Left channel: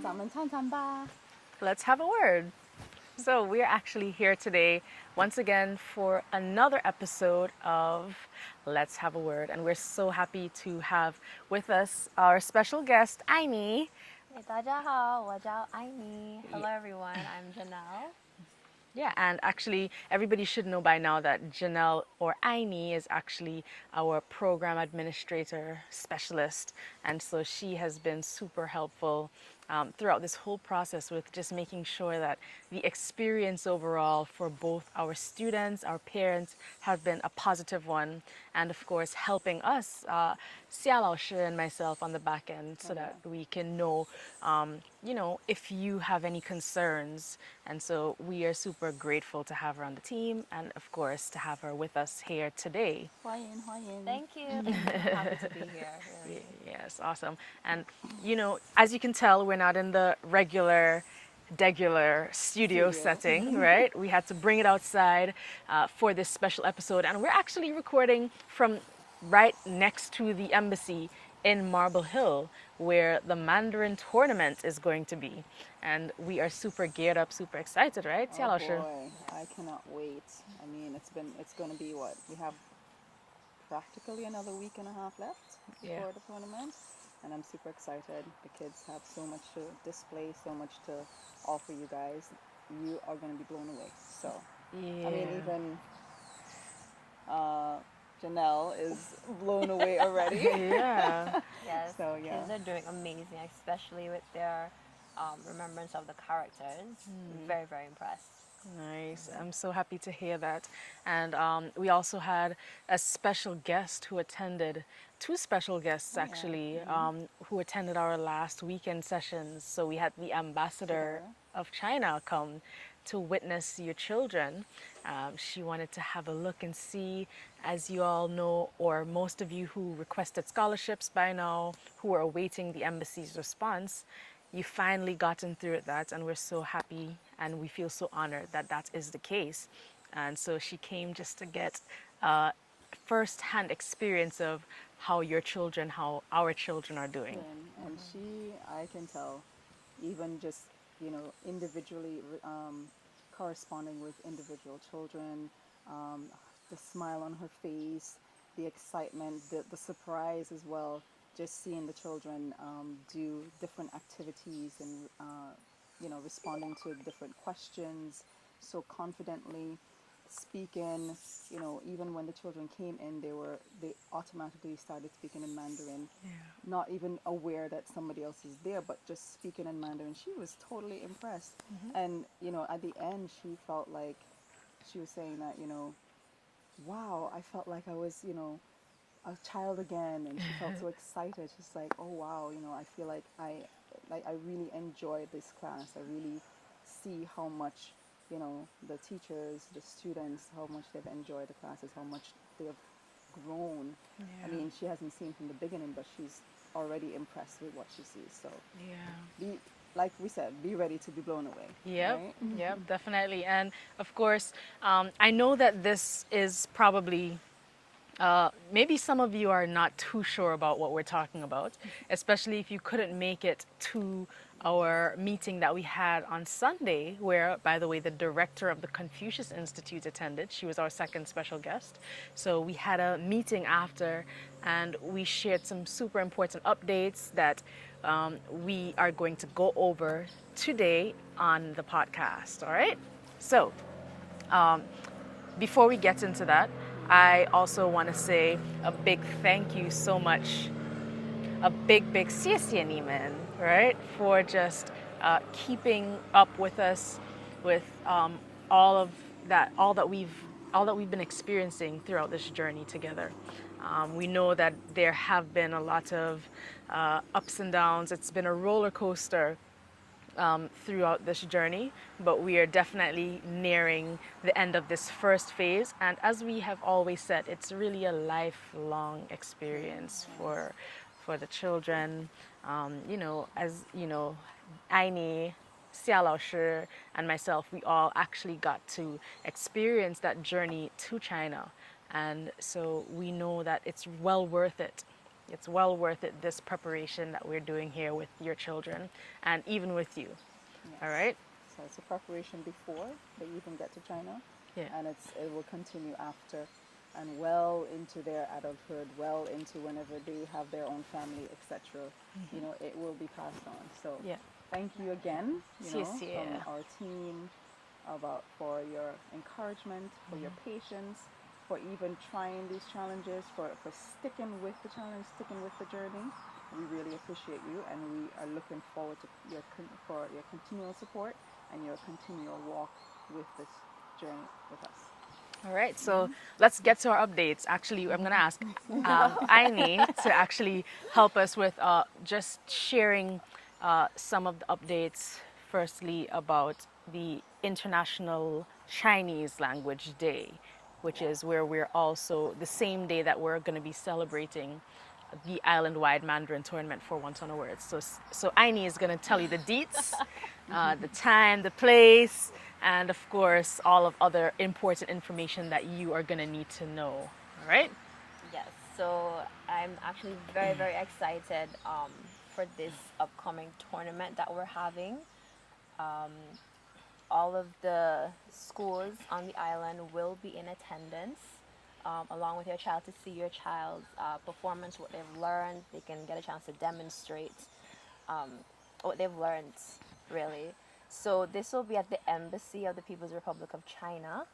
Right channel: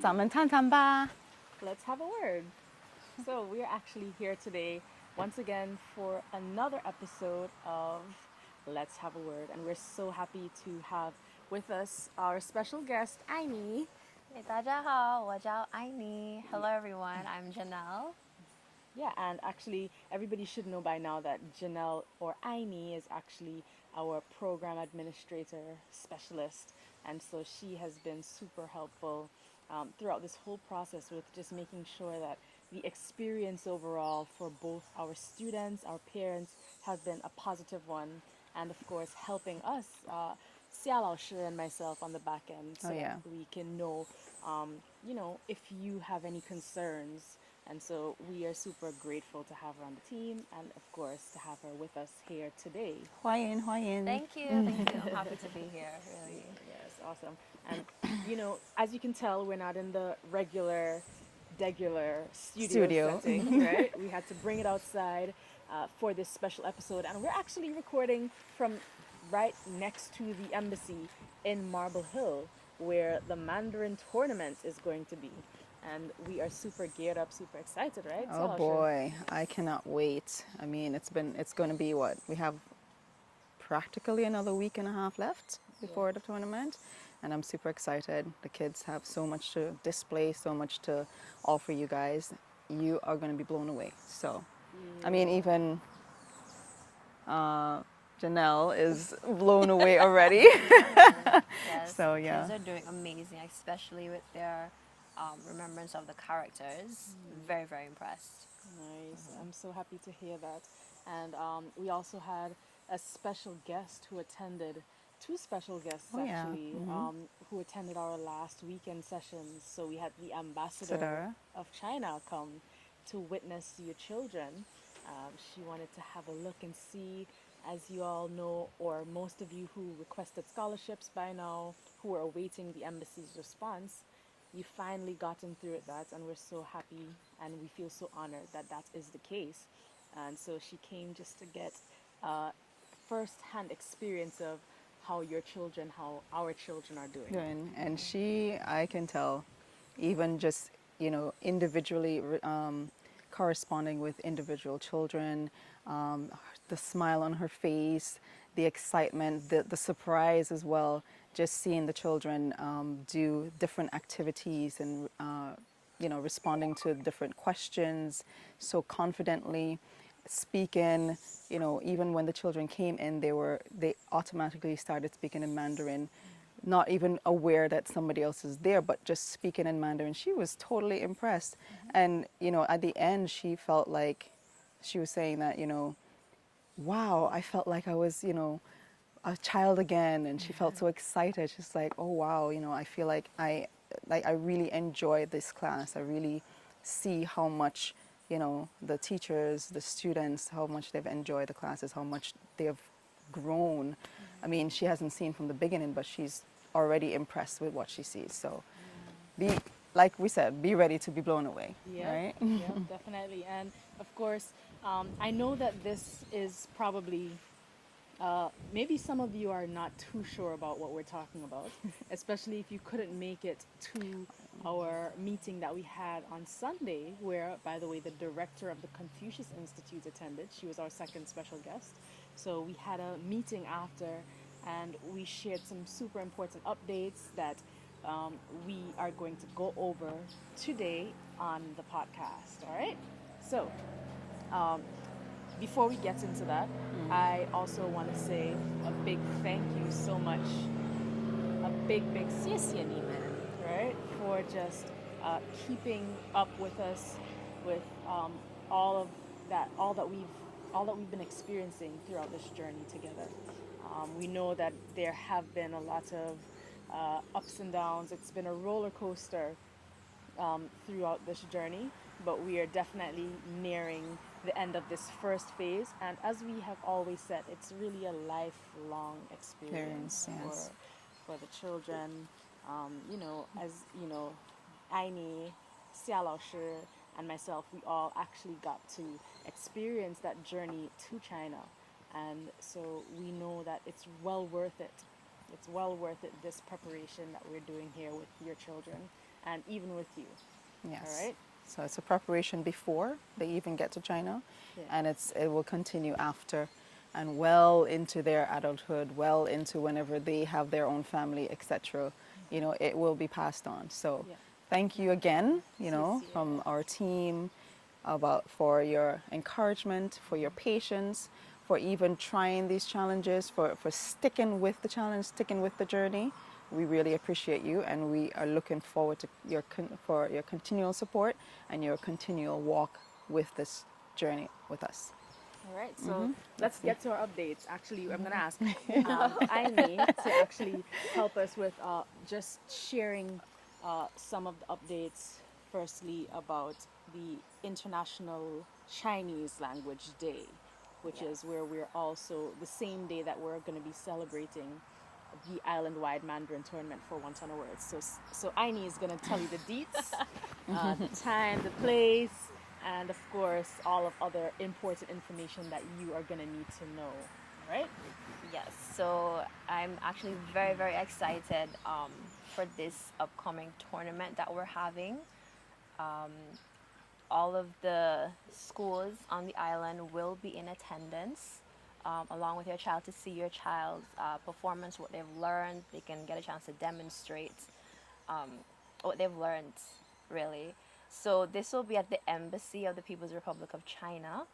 咱们探探吧。 Let's have a word. So, we're actually here today once again for another episode of Let's Have a Word. And we're so happy to have with us our special guest, Aini. 大家好，我叫艾妮. Hello everyone, I'm Janelle. Yeah, and actually, everybody should know by now that Janelle or Aini is actually our program administrator specialist. And so she has been super helpful throughout this whole process with just making sure that the experience overall for both our students, our parents, have been a positive one. And of course, helping us, Xia Lao Shi and myself on the back end so that we can know, if you have any concerns. And so we are super grateful to have her on the team and, of course, to have her with us here today. 欢迎欢迎。 Thank you. I'm happy to be here, really. Yes, awesome. And, as you can tell, we're not in the regular studio setting, right? We had to bring it outside for this special episode. And we're actually recording from right next to the embassy in Marble Hill, where the Mandarin tournament is going to be. And we are super geared up, super excited, right? Oh boy, I cannot wait. I mean, it's going to be what? We have practically another week and a half left before the tournament. And I'm super excited. The kids have so much to display, so much to offer you guys. You are going to be blown away. So, I mean, even Janelle is blown away already. Yes, So, the kids are doing amazing, especially with their remembrance of the characters. Very, very impressed. Nice. I'm so happy to hear that. And we also had a special guest who attended, two special guests actually, who attended our last weekend sessions. So we had the ambassador of China come to witness your children. She wanted to have a look and see, as you all know, or most of you who requested scholarships by now, who are awaiting the embassy's response, you finally gotten through that, and we're so happy and we feel so honored that that is the case. And so she came just to get first-hand experience of how your children, how our children are doing. And she, I can tell, even just, individually corresponding with individual children, the smile on her face, the excitement, the surprise as well, just seeing the children do different activities and, responding to different questions so confidently, speaking, even when the children came in, they automatically started speaking in Mandarin, not even aware that somebody else is there, but just speaking in Mandarin. She was totally impressed. And, at the end, she felt like, she was saying that, wow, I felt like I was, a child again, and she felt so excited. She's like, oh wow, I feel like I really enjoyed this class. I really see how much, the teachers, the students, how much they've enjoyed the classes, how much they've grown. I mean, she hasn't seen from the beginning, but she's already impressed with what she sees. So, like we said, be ready to be blown away. Yep, Right? yep, definitely. And of course, I know that this is probably maybe some of you are not too sure about what we're talking about, especially if you couldn't make it to our meeting that we had on Sunday, where, by the way, the director of the Confucius Institute attended. She was our second special guest. So we had a meeting after, and we shared some super important updates that we are going to go over today on the podcast, all right? So before we get into that, I also want to say a big thank you so much, a big 谢谢你们, right, for just keeping up with us with all that we've been experiencing throughout this journey together. We know that there have been a lot of ups and downs. It's been a roller coaster throughout this journey, but we are definitely nearing the end of this first phase. And as we have always said, it's really a lifelong experience for the children. As you know, Aini, Xia Lao Shi, and myself, we all actually got to experience that journey to China. And so we know that it's well worth it. It's well worth it, this preparation that we're doing here with your children and even with you. Yes. All right? So it's a preparation before they even get to China, Yeah. and it will continue after, and well into their adulthood, well into whenever they have their own family, etc. You know, it will be passed on. So Yeah. thank you again, you know, from our team for your encouragement, for your patience, for even trying these challenges, for sticking with the challenge, sticking with the journey. We really appreciate you, and we are looking forward to for your continual support and your continual walk with this journey with us. All right, so let's get to our updates. Actually, I'm going to ask Aini to actually help us with just sharing some of the updates. Firstly, about the International Chinese Language Day, which is where we're also the same day that we're going to be celebrating the island-wide Mandarin tournament for Wonton Awards. So Aini is going to tell you the deets, the time, the place, and of course all of other important information that you are going to need to know. All right? Yes, so I'm actually very, very excited for this upcoming tournament that we're having. All of the schools on the island will be in attendance, along with your child, to see your child's performance, what they've learned. They can get a chance to demonstrate what they've learned, really. So this will be at the Embassy of the People's Republic of China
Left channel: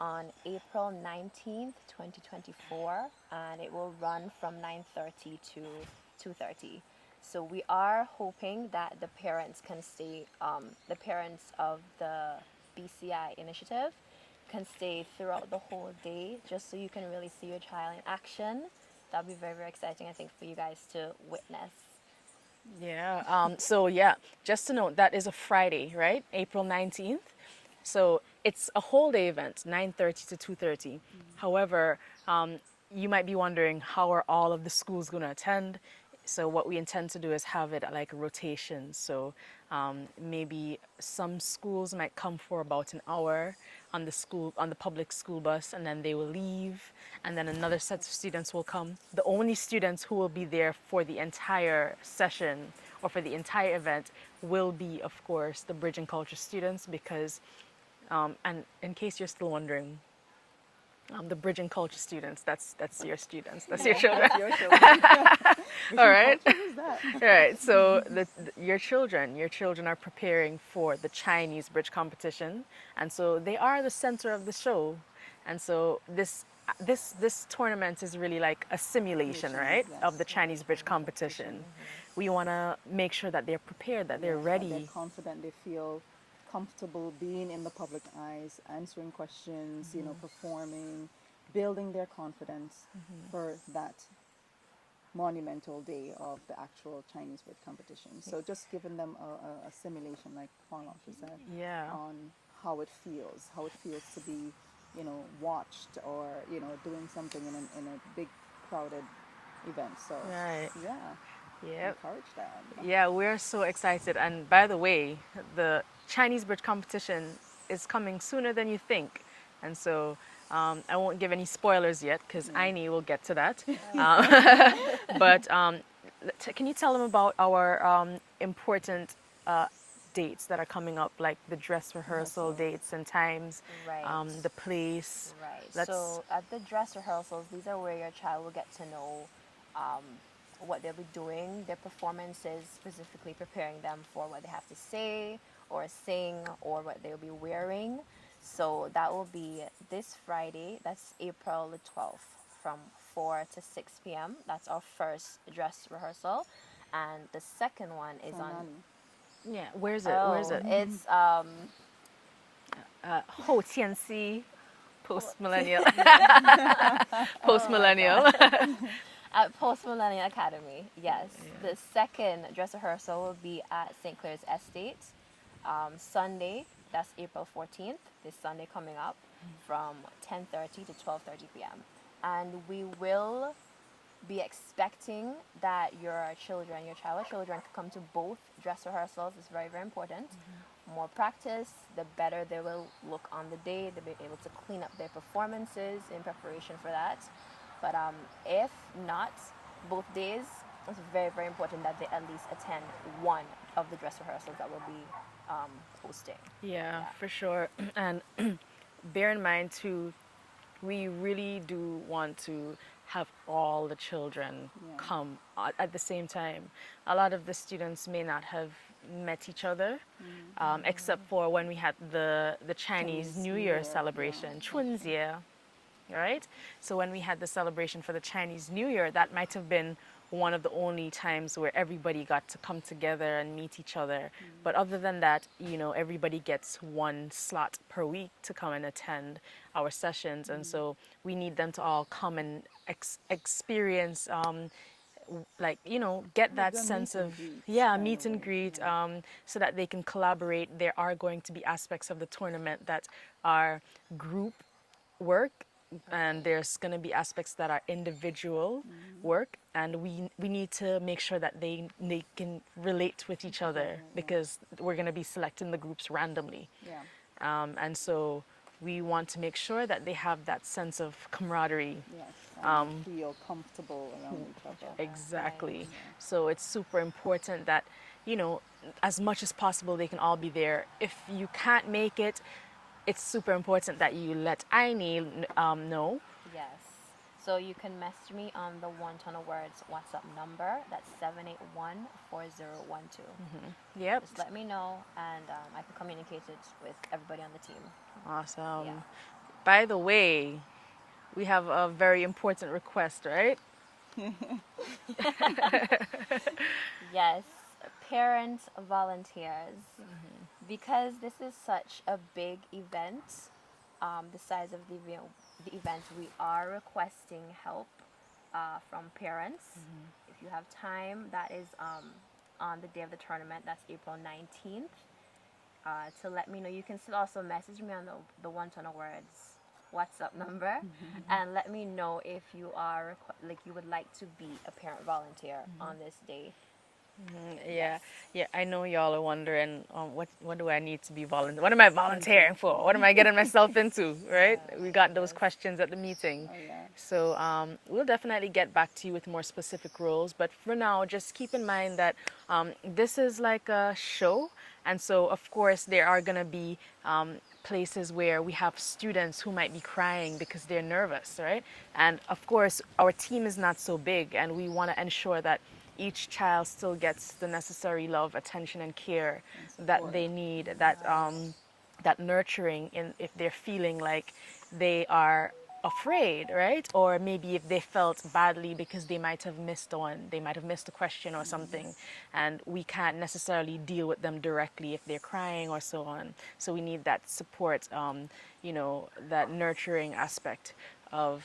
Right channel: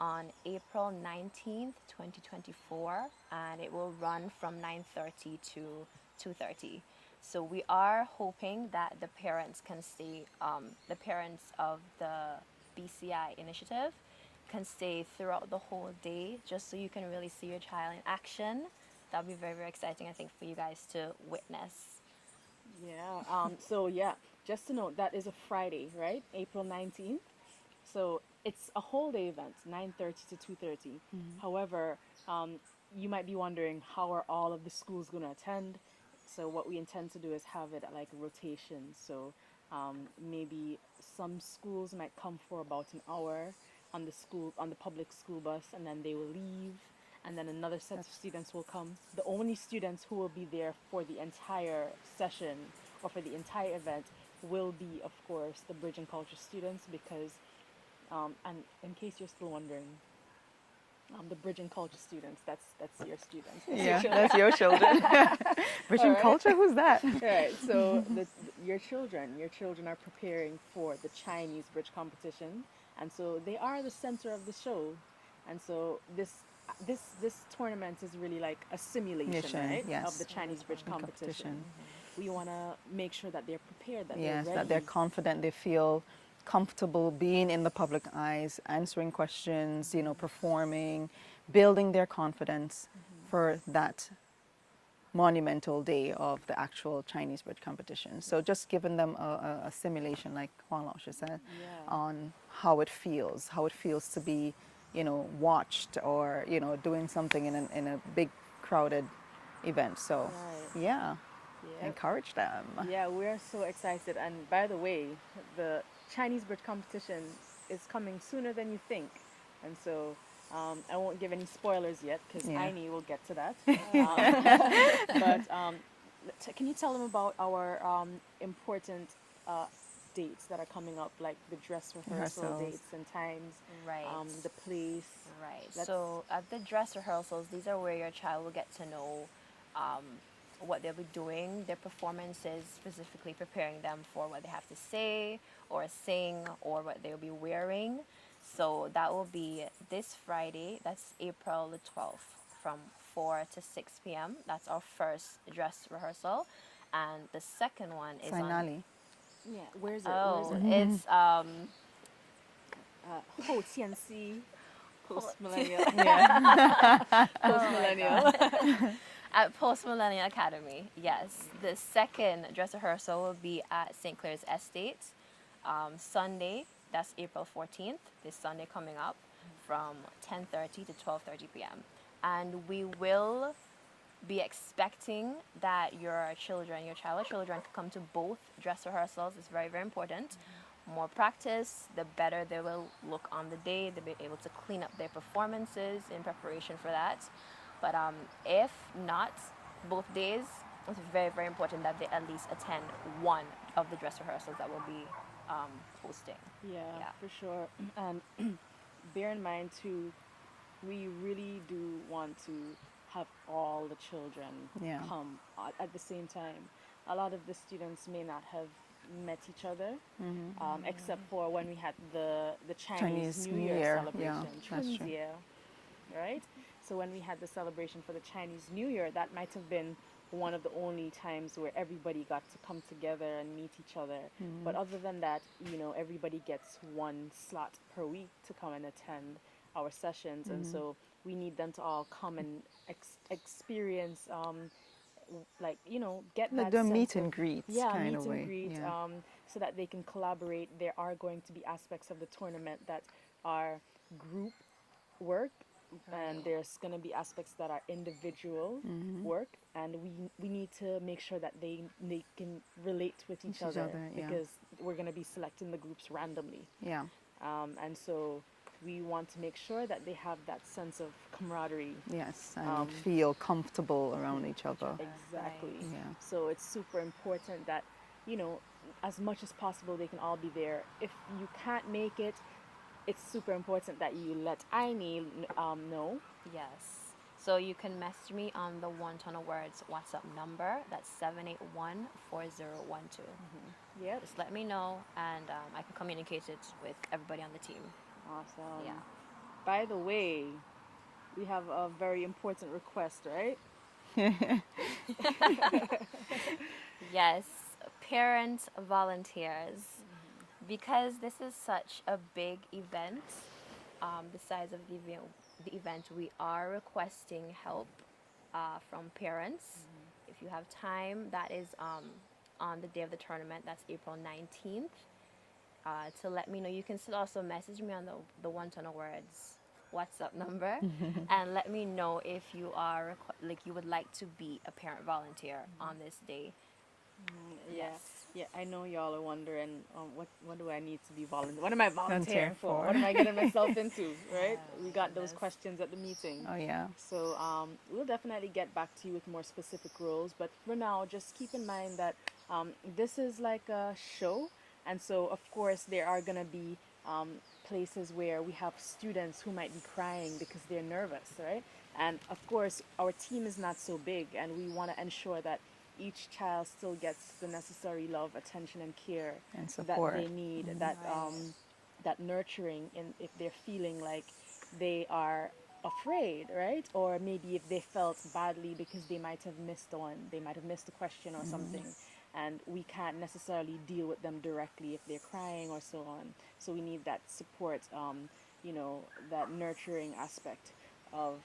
on April 19th, 2024, and it will run from 9:30 to 2:30. So we are hoping that the parents can stay, the parents of the BCI initiative can stay throughout the whole day, just so you can really see your child in action. That'll be very, very exciting, I think, for you guys to witness. Yeah. So yeah, just to note, that is a Friday, right? April 19th. So it's a whole day event, 9:30 to 2:30. However, you might be wondering, how are all of the schools going to attend? So what we intend to do is have it like a rotation. So maybe some schools might come for about an hour on the public school bus, and then they will leave, and then another set of students will come. The only students who will be there for the entire session or for the entire event will be, of course, the Bridge and Culture students, because and in case you're still wondering, the Bridge and Culture students, that's your students. That's your children. That's your children. All right. Culture, who's that? All right. So your children are preparing for the Chinese Bridge competition, and so they are the center of the show. And so this tournament is really like a simulation, right, yes, of the Chinese Bridge competition. We want to make sure that they're prepared, that they're ready, that they're confident, they feel comfortable being in the public eyes, answering questions, you know, performing, building their confidence for that monumental day of the actual Chinese Bridge competition. So just giving them a simulation, like Huang Lao said, on how it feels to be, you know, watched, or, you know, doing something in a big crowded event. So yeah. Encourage them. Yeah, we're so excited. And by the way, the Chinese Bridge competition is coming sooner than you think. And so I won't give any spoilers yet, because Aini will get to that. But can you tell them about our important dates that are coming up, like the dress rehearsal dates and times, Right. The place? Right. So at the dress rehearsals, these are where your child will get to know what they'll be doing, their performances, specifically preparing them for what they have to say or sing, or what they'll be wearing. So that will be this Friday, that's April the 12th, from 4 to 6 p.m. That's our first dress rehearsal. And the second one is Finale. Yeah, where is it? Oh, Where is it? it's Ho Tianxi, post-millennial. Post-millennial. at Post Millennial Academy. Yes, the second dress rehearsal will be at St. Clair's Estate, Sunday. That's April 14th. This Sunday coming up, from 10:30 to 12:30 p.m. And we will be expecting that your child or children can come to both dress rehearsals. It's very, very important more practice, the better they will look on the day. They'll be able to clean up their performances in preparation for that. But if not, both days, it's very, very important that they at least attend one of the dress rehearsals that will be hosting. Yeah, Yeah. for sure. And bear in mind too, we really do want to have all the children Yeah. come at the same time. A lot of the students may not have met each other, except for when we had the Chinese New Year yeah, celebration, that's Chun's true. Year, right? So when we had the celebration for the Chinese New Year, that might have been one of the only times where everybody got to come together and meet each other. But other than that, you know, everybody gets one slot per week to come and attend our sessions. And so we need them to all come and experience, like, you know, get Like that the sense meet and of, greets yeah, kind meet of and way, greet, yeah. so that they can collaborate. There are going to be aspects of the tournament that are group work, and Right. there's going to be aspects that are individual work, and we need to make sure that they can relate with each other, yeah. because we're going to be selecting the groups randomly, Yeah. and so we want to make sure that they have that sense of camaraderie. Yes. And Um, feel comfortable around each other. Exactly. Right. Yeah. So it's super important that, you know, as much as possible, they can all be there. If you can't make it, it's super important that you let Aini know. Yes. So you can message me on the Wonton Awards WhatsApp number. That's 781-4012. Yep. Just let me know, and I can communicate it with everybody on the team. Awesome. Yeah. By the way, we have a very important request, right? Yes, parent volunteers. Because this is such a big event, the size of the event, we are requesting help from parents. If you have time, that is on the day of the tournament, that's April 19th, to let me know. You can still also message me on the Wonton Awards WhatsApp number and let me know if you are like you would like to be a parent volunteer on this day. Yeah, Yes. yeah. I know y'all are wondering, what do I need to be volunteer? What am I volunteering for? What am I getting myself into? Right? We got those Yes. questions at the meeting. Oh, yeah. So we'll definitely get back to you with more specific roles. But for now, just keep in mind that this is like a show. And so, of course, there are going to be places where we have students who might be crying because they're nervous, right? And of course, our team is not so big, and we want to ensure that each child still gets the necessary love, attention, and care And that support. they need, that nurturing in if they're feeling like they are afraid, right? Or maybe if they felt badly because they might have missed one, they might have missed a question or something, and we can't necessarily deal with them directly if they're crying or so on. So we need that support, you know, that nurturing aspect of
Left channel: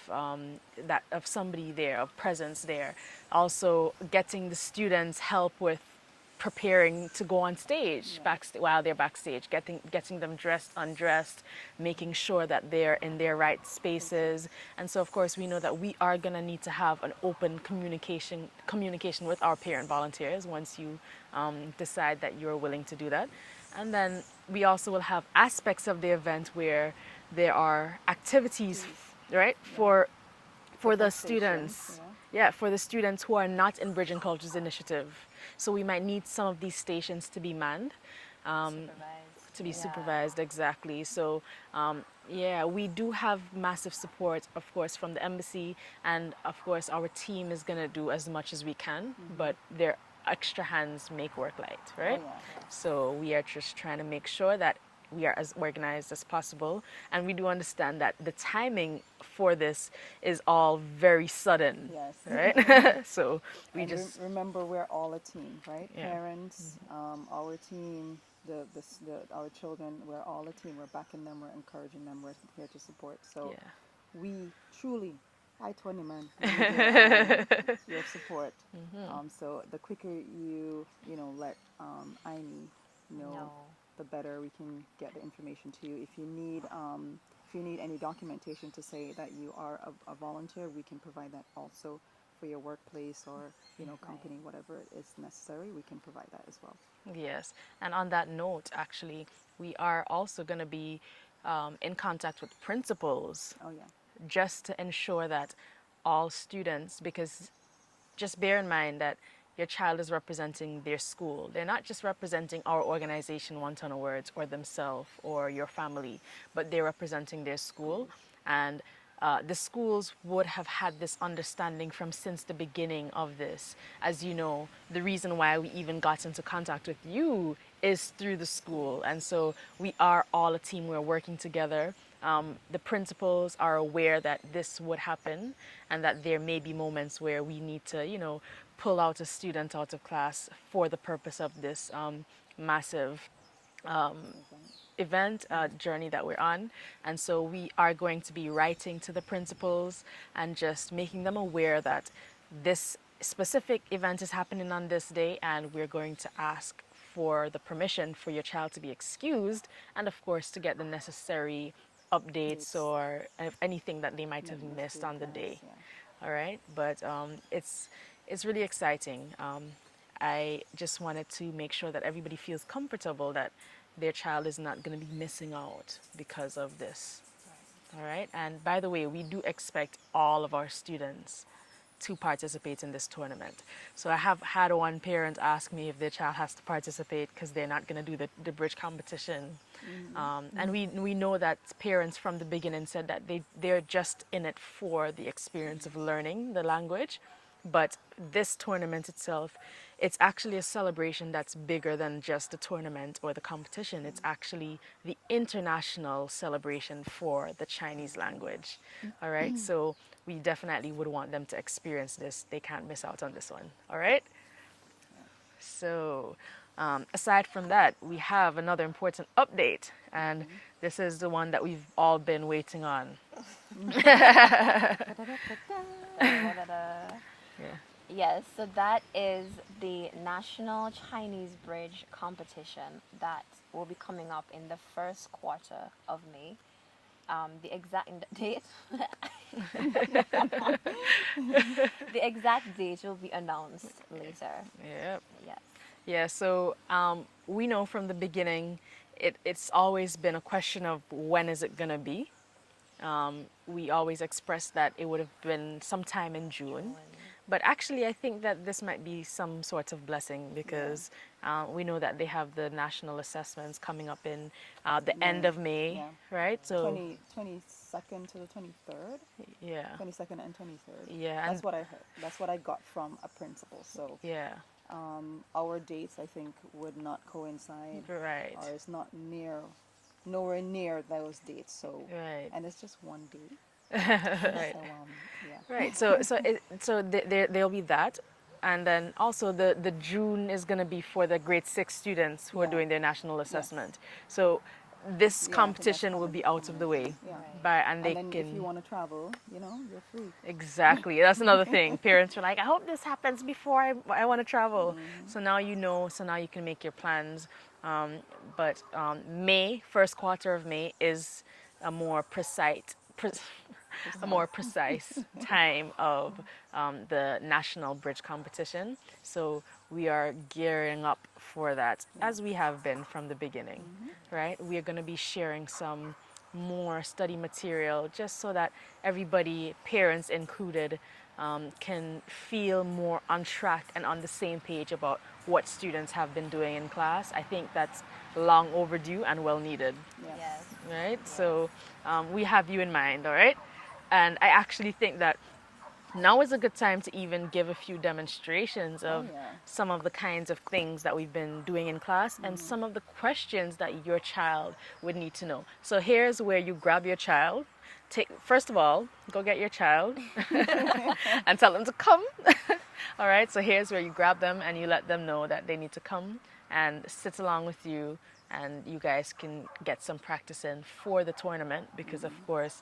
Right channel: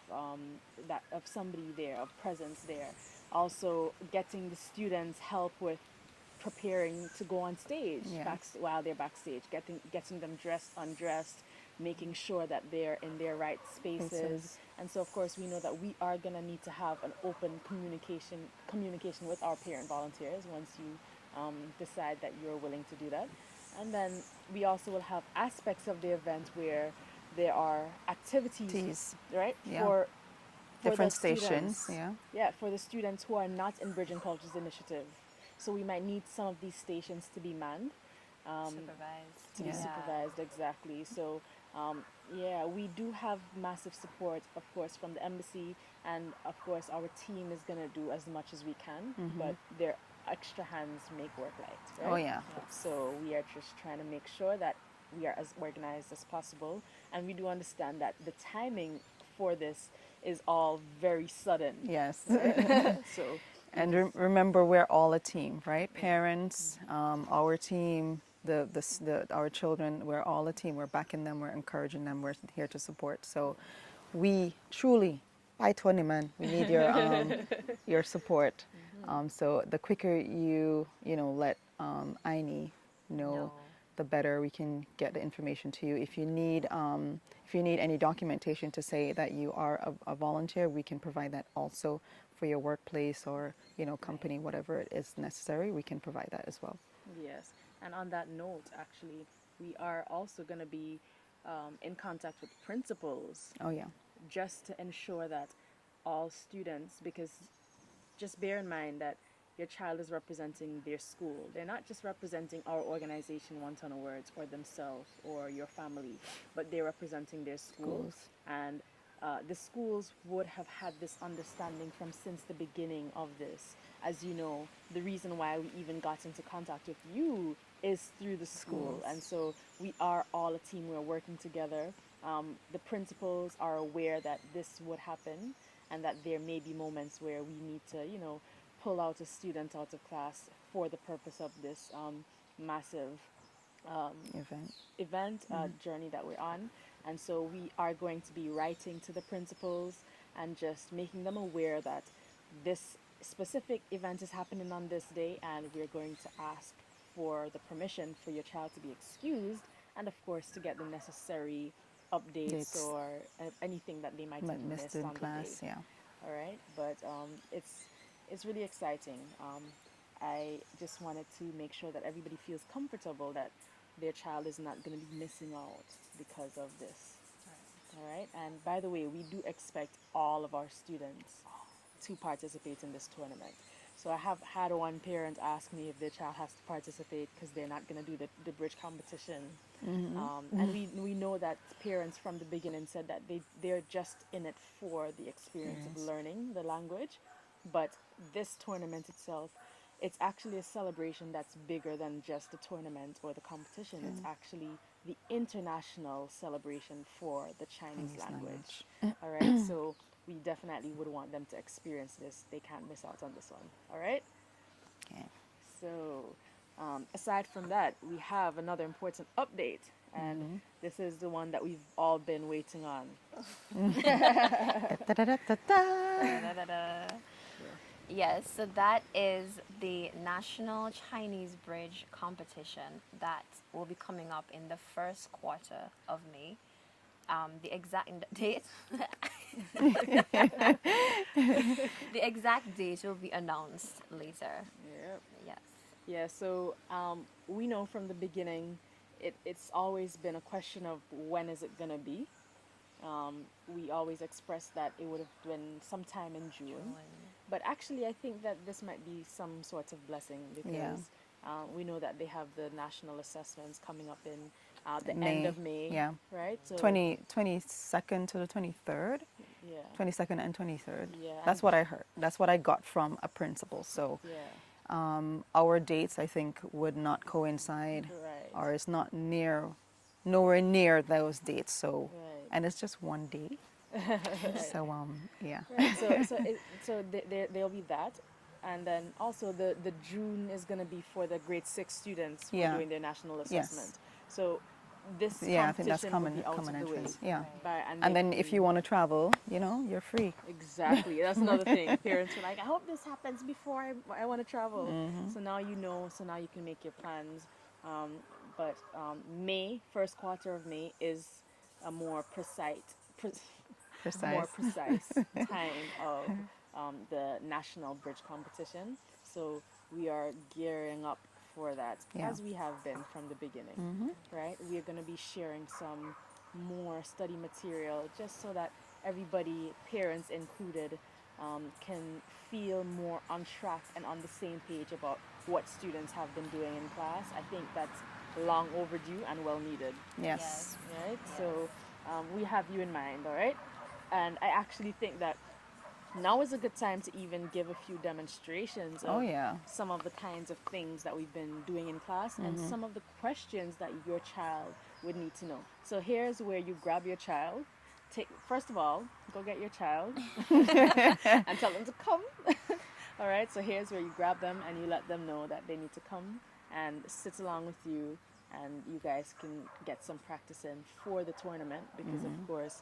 that of somebody there, of presence there. Also, getting the students help with preparing to go on stage Yes. while they're backstage, getting them dressed, undressed, making sure that they're in their right spaces. And so of course we know that we are going to need to have an open communication with our parent volunteers once you decide that you're willing to do that. And then we also will have aspects of the event where there are activities, Activities. right, Yeah. for the Different stations, students. yeah. Yeah, for the students who are not in Bridge and Cultures Initiative. So we might need some of these stations to be manned, Supervised. to be Yeah. supervised, exactly. So yeah, we do have massive support, of course, from the embassy, and of course our team is gonna do as much as we can, but their extra hands make work light, right? Oh, yeah. So we are just trying to make sure that we are as organized as possible, and we do understand that the timing for this is all very sudden. Yes. Right? So we And just, remember, we're all a team, right? Yeah. Parents, our team, our children, we're all a team. We're backing them, we're encouraging them, we're here to support. So we truly, by 20 man, we need your support. So the quicker you know, let Aini know, No. the better we can get the information to you. If you need any documentation to say that you are a volunteer, we can provide that also for your workplace or, you know, company, whatever it is necessary. We can provide that as well. Yes. And on that note, actually, we are also going to be in contact with principals Oh yeah. just to ensure that all students, because just bear in mind that your child is representing their school. They're not just representing our organization, Wonton Awards, or themselves or your family, but they're representing their school. Schools. And the schools would have had this understanding from since the beginning of this. As you know, the reason why we even got into contact with you is through the school. Schools. And so we are all a team. We're working together. The principals are aware that this would happen and that there may be moments where we need to, pull out a student out of class for the purpose of this massive Event. event journey that we're on. And so we are going to be writing to the principals and just making them aware that this specific event is happening on this day, and we're going to ask for the permission for your child to be excused, and of course to get the necessary updates Dates. or anything that they might have Might missed in on the class, day. Yeah. All right, but it's really exciting. I just wanted to make sure that everybody feels comfortable that their child is not going to be missing out because of this. All right, and by the way, we do expect all of our students to participate in this tournament. So I have had one parent ask me if their child has to participate because they're not going to do the bridge competition. And we know that parents from the beginning said that they're just in it for the experience of learning the language. But this tournament itself, it's actually a celebration that's bigger than just the tournament or the competition. It's actually the international celebration for the Chinese language. All right, so we definitely would want them to experience this. They can't miss out on this one. All right. Yeah. So, aside from that, we have another important update, and this is the one that we've all been waiting on. Da-da-da. Yeah. Yes, so that is the National Chinese Bridge competition that will be coming up in the first quarter of May. The exact date, the exact date will be announced later. Yep. Yes. Yeah, so we know from the beginning, it's always been a question of when is it going to be. We always expressed that it would have been sometime in June. But actually, I think that this might be some sort of blessing because we know that they have the national assessments coming up in the end May. of May, Yeah. right? So 22nd to the 23rd. yeah, 22nd and 23rd. Yeah, That's and- what I heard. That's what I got from a principal. So yeah, our dates, I think, would not coincide, right. or it's nowhere near those dates. So, Right. and it's just one day. Right. So, yeah. Right. So there'll be that, and then also the June is going to be for the grade 6 students who are Yeah. doing their national assessment. So this Yeah, I think that's competition will common- be out common of the way. interest. Yeah. Right. By, And then they if you can- want to travel, you're free. Exactly. That's another thing. Parents were like, I hope this happens before I want to travel. So now you know, so now you can make your plans. But May, first quarter of May, is a more a more precise time of the national bridge competition. So we are gearing up for that, Yeah. as we have been from the beginning, right? We are going to be sharing some more study material just so that everybody, parents included, can feel more on track and on the same page about what students have been doing in class. I think that's long overdue and well needed, Yes. Yes. right? So we have you in mind, all right? And I actually think that now is a good time to even give a few demonstrations Oh, of yeah. some of the kinds of things that we've been doing in class and some of the questions that your child would need to know. So here's where you grab your child. First of all, go get your child and tell them to come. All right, so here's where you grab them and you let them know that they need to come and sit along with you, and you guys can get some practice in for the tournament because of course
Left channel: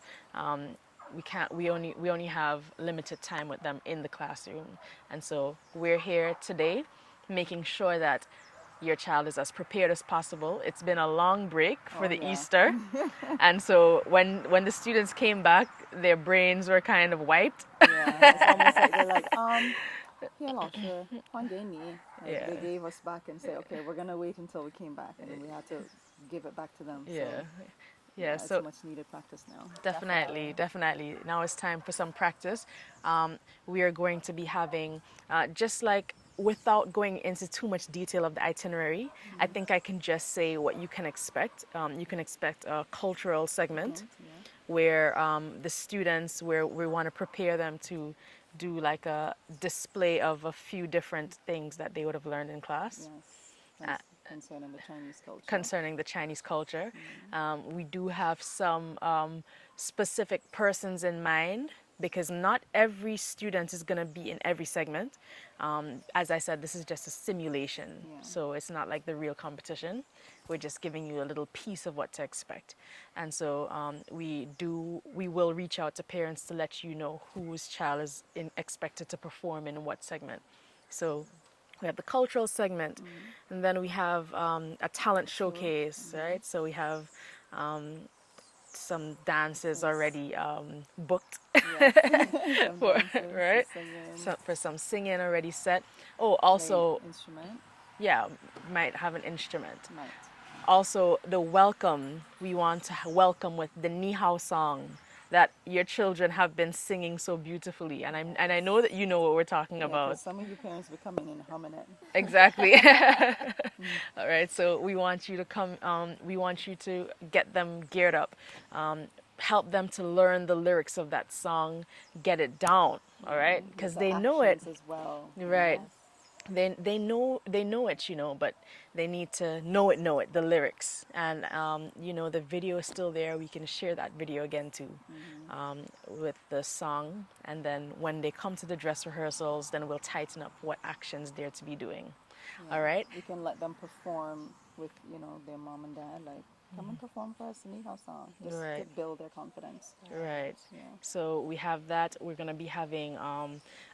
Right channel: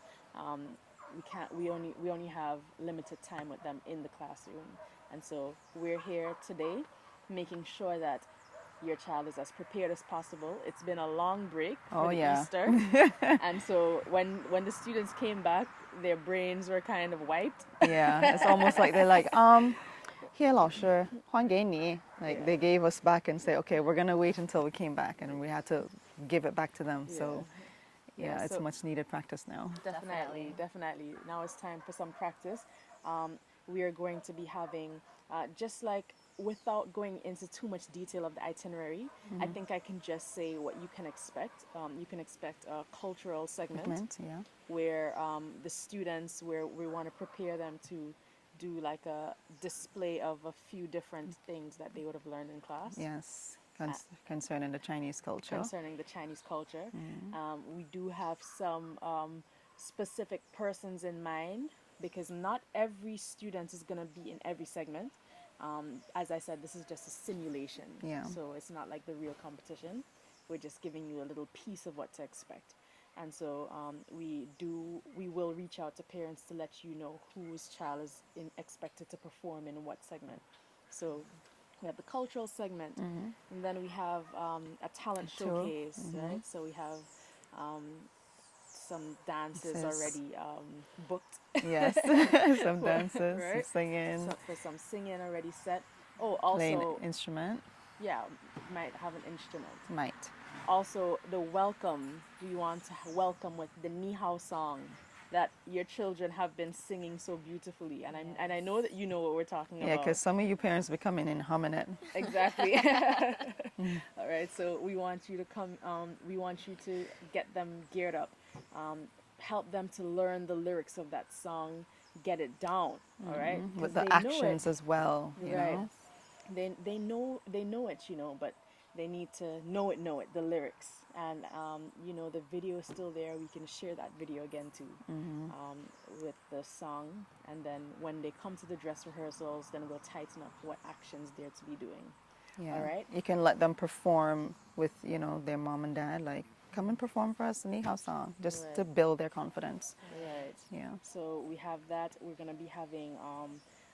we only have limited time with them in the classroom. And so we're here today making sure that your child is as prepared as possible. It's been a long break for Oh, the yeah. Easter. And so when the students came back, their brains were kind of wiped. Yeah. It's almost like they're like, here 老师还给你. Like Yeah. they gave us back and say, okay, we're gonna wait until we came back, and we had to give it back to them. So Yeah, it's so much needed practice now. definitely. Now it's time for some practice. We are going to be having, just like without going into too much detail of the itinerary, I think I can just say what you can expect. You can expect a cultural segment Yeah. where the students, where we want to prepare them to do like a display of a few different things that they would have learned in class. Yes. Concerning the Chinese culture. Concerning the Chinese culture. We do have some specific persons in mind because not every student is going to be in every segment. As I said, this is just a simulation, so it's not like the real competition. We're just giving you a little piece of what to expect. And so we will reach out to parents to let you know whose child is expected to perform in what segment. So we have the cultural segment, and then we have a talent showcase, right? So we have some dances already booked. Yes. Some dances, right? some singing. So for some singing already set. Oh, also, instrument. yeah, might have an instrument. Might. Also, the welcome. We want to welcome with the Ni Hao song that your children have been singing so beautifully, and I know that you know what we're talking Yeah, about. because some of you parents be coming in humming it. Exactly. All right. So we want you to come. We want you to get them geared up. Help them to learn the lyrics of that song. Get it down. All right. Because With they the know it. actions as well. you Right. know. They know it, but they need to know it, the lyrics. And the video is still there. We can share that video again too, with the song. And then when they come to the dress rehearsals, then we'll tighten up what actions they're to be doing. Yeah. All right. You can let them perform with, their mom and dad. Like, come and perform for us the Ni Hao song, just to Right. build their confidence. Right. Yeah. So we have that. We're going to be having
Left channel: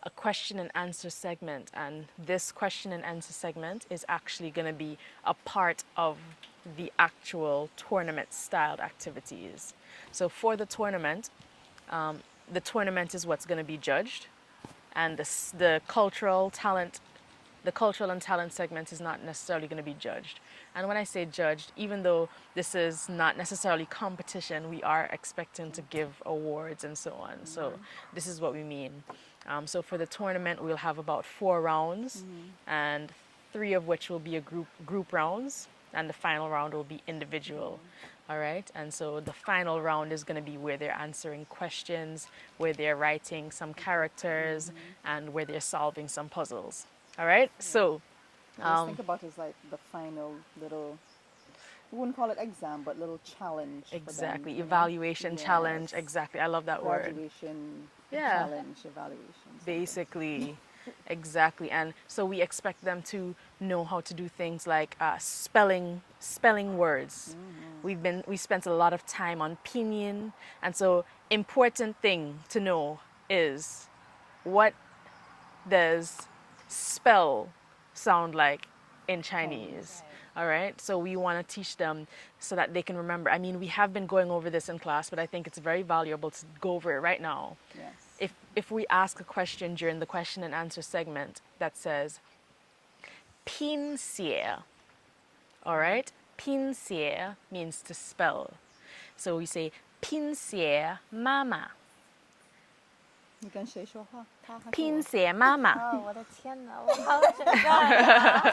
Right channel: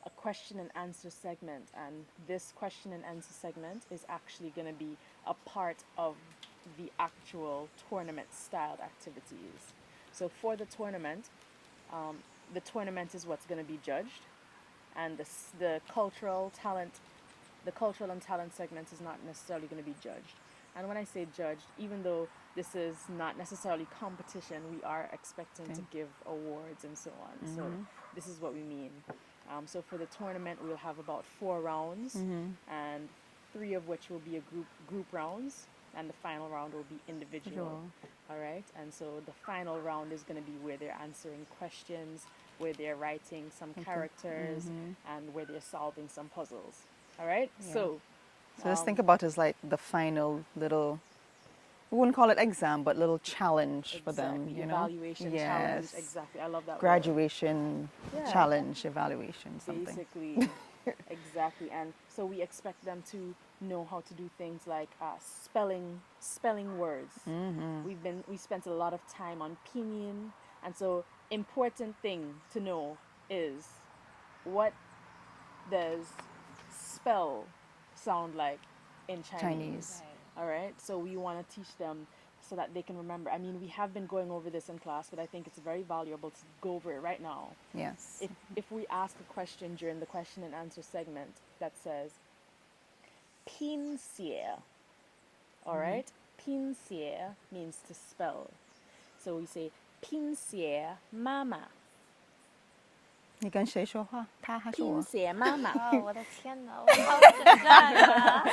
a question and answer segment. And this question and answer segment is actually going to be a part of the actual tournament styled activities. So for the tournament is what's going to be judged. And the cultural and talent segment is not necessarily going to be judged. And when I say judged, even though this is not necessarily competition, we are expecting to give awards and so on. So this is what we mean. So for the tournament, we'll have about 4 rounds, and 3 of which will be a group rounds, and the final round will be individual. All right. And so the final round is going to be where they're answering questions, where they're writing some characters, and where they're solving some puzzles. All right. Yeah. So just think about it as like the final little, we wouldn't call it exam, but little challenge for them. exactly, evaluation challenge. Yes. Exactly. I love that word. Graduation Yeah. challenge, evaluation. something. Basically. Exactly. And so we expect them to know how to do things like spelling words. We spent a lot of time on pinyin, and so important thing to know is, what does spell sound like in Chinese? All right. So we want to teach them so that they can remember. I mean, we have been going over this in class, but I think it's very valuable to go over it right now. Yes. If we ask a question during the question and answer segment that says, "Pin xie," all right? "Pin xie" means to spell. So we say, "Pin xie mama." 你跟谁说话？他还是我？拼写妈妈。哦，我的天哪，我好紧张啊！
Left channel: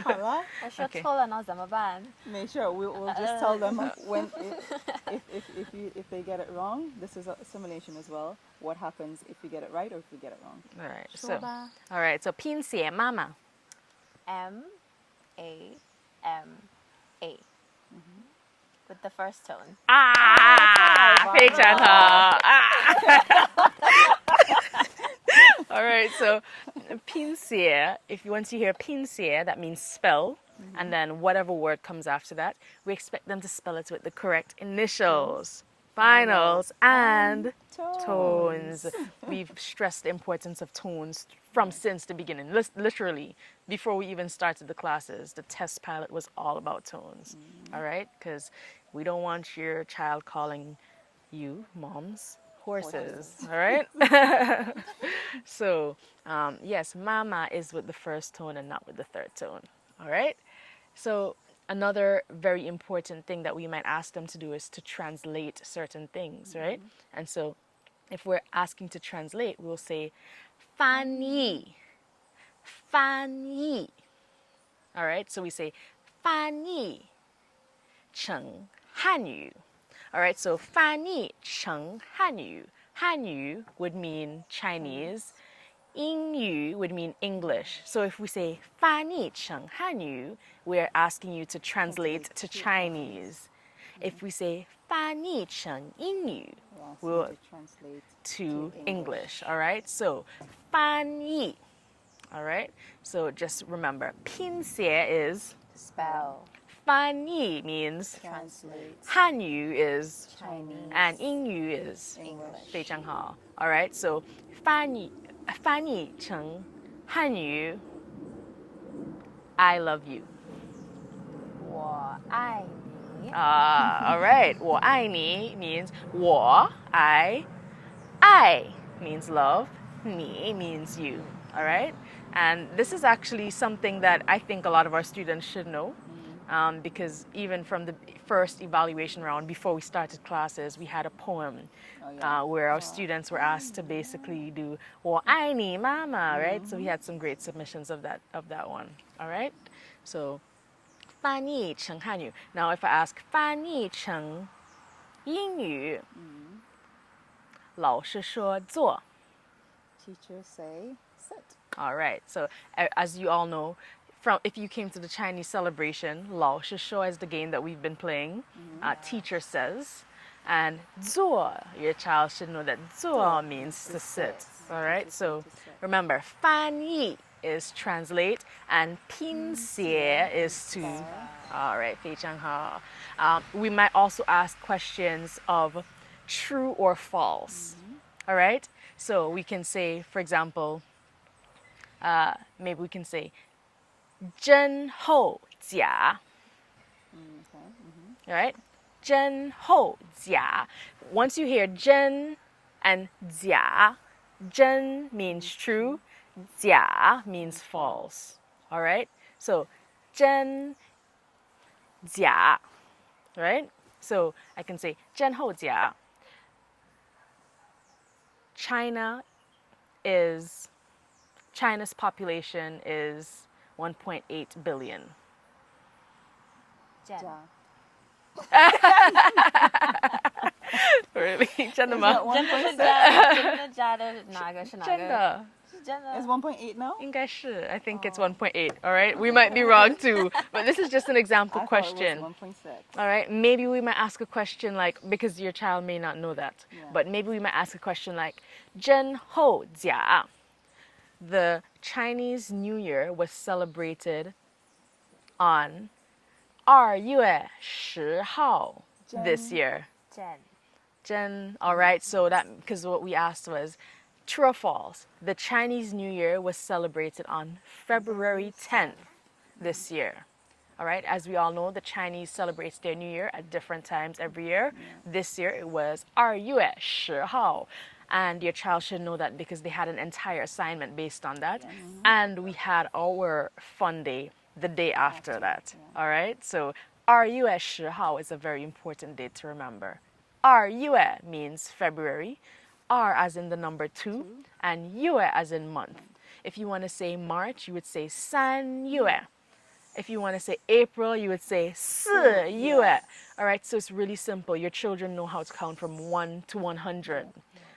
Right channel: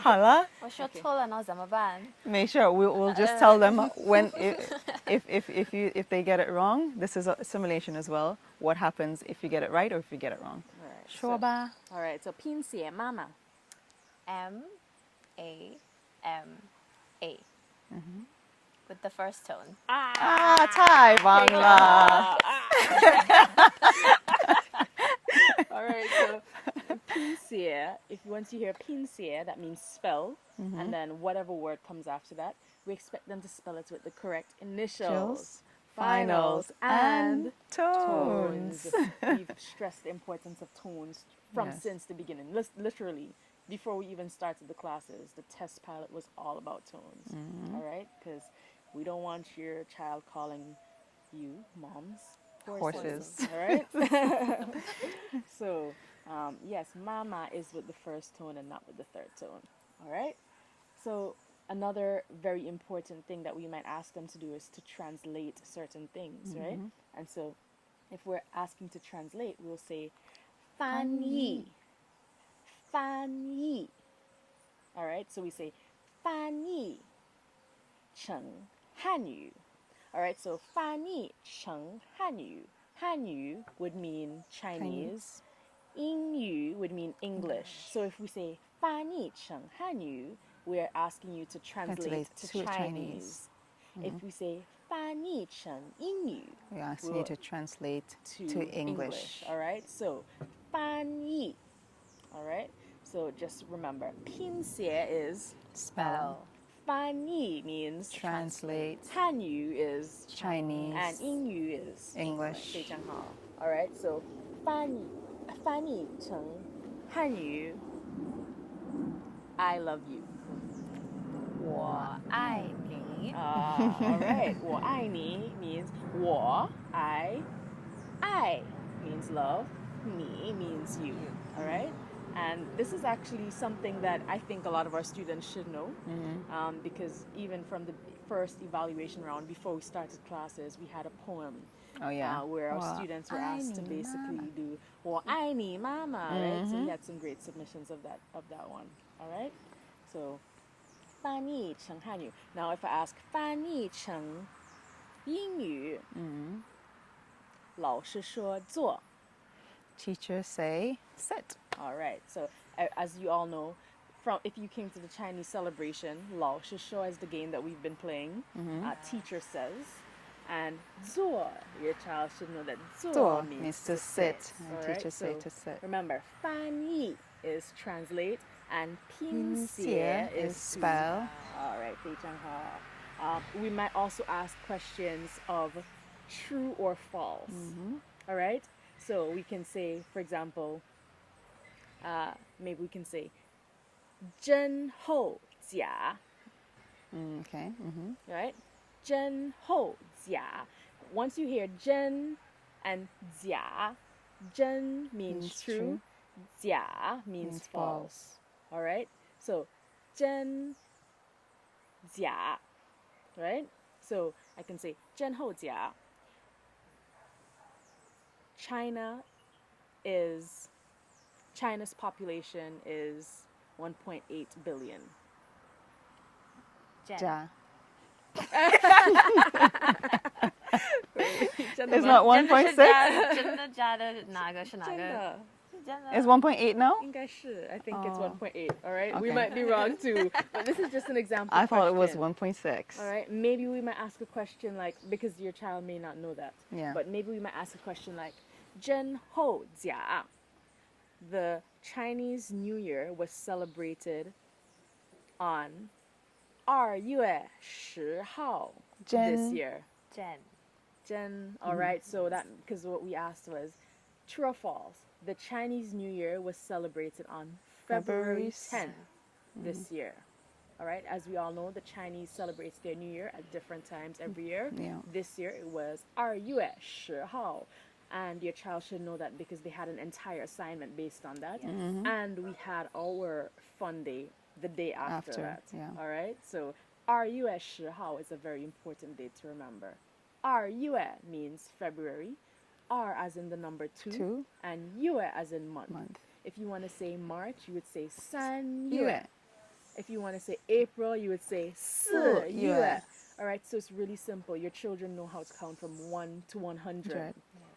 好了，我说错了，然后怎么办？ make sure we'll just tell them when if they get it wrong. This is a simulation as well. What happens if you get it right or if you get it wrong? All right. 说吧。 All right. So 拼写妈妈。 M-A-M-A. With the first tone. 太棒了。非常好。All right, so 拼写, if you want to hear 拼写, that means spell, and then whatever word comes after that, we expect them to spell it with the correct initials, finals, and tones. We've stressed the importance of tones since the beginning. Literally, before we even started the classes, the test pilot was all about tones, all right? Because we don't want your child calling you, moms, horses. All right? So Yes, mama is with the first tone and not with the third tone. All right? So, another very important thing that we might ask them to do is to translate certain things, right? And so, if we're asking to translate, we'll say, 翻译, 翻译. All right? So, we say, 翻译成汉语. All right? So, 翻译成汉语. Hanyu would mean Chinese. 英语 would mean English. So if we say 翻译成汉语, we're asking you to translate to Chinese. If we say 翻译成英语, We ask we'll- you to translate to English. English. All right? So 翻译. All right? So just remember, 拼写 is Spell. 翻译 means Translate Hanyu is Chinese and 英语 is English. 非常好. All right? So 翻译成汉语 I love you. 我爱你. All right. 我爱你 means 我 I means love, 你 means you. All right? And this is actually something that I think a lot of our students should know. Because even from the first evaluation round, before we started classes, we had a poem Oh, yeah. where our students were asked to basically do 我爱你妈妈, right? So we had some great submissions of that one. All right? So 翻译成汉语. Now if I ask 翻译成英语, 老师说坐. Teachers say sit. All right. So as you all know, if you came to the Chinese celebration, 老师说 is the game that we've been playing. Teacher says, and 坐, your child should know that 坐 means to sit. All right. Teachers say So to sit. remember, 翻译 is translate, and 拼写 is to spell. All right. 非常好. We might also ask questions of true or false. All right. So we can say, for example, maybe we can say 真后假. Okay. All right? 真后假. Once you hear 真 and 假, 真means true, 假 means false. All right? So 真假. Right? So I can say 真后假. China's population is 1.8 billion. 真 Ja. Really? 真的 It's 吗？ not 真的是 1.6. 真的假的哪个是哪个？真的。是真的。 It's 1.8 now? 应该是. I think it's 1.8. All right? We might be wrong too. But this is just an example I thought question. it was 1.6. All right? Maybe we might ask a question like, because your child may not know that. Yeah. But maybe we might ask a question like, 真后假. The Chinese New Year was celebrated on 2月10号 this year. 真 Jen, all right, so that, because what we asked was, true or false, the Chinese New Year was celebrated on February 10th this year. All right, as we all know, the Chinese celebrates their New Year at different times every year. Yeah. This year it was 2月10号. And your child should know that because they had an entire assignment based on that. And we had our fun day the day after that. yeah. All right, so 2月10号 is a very important date to remember. 2月 means February, R as in the number 2, and 月 as in month. If you want to say March, you would say 3月. If you want to say April, you would say 4月. All right, so it's really simple. Your children know how to count from 1 to 100.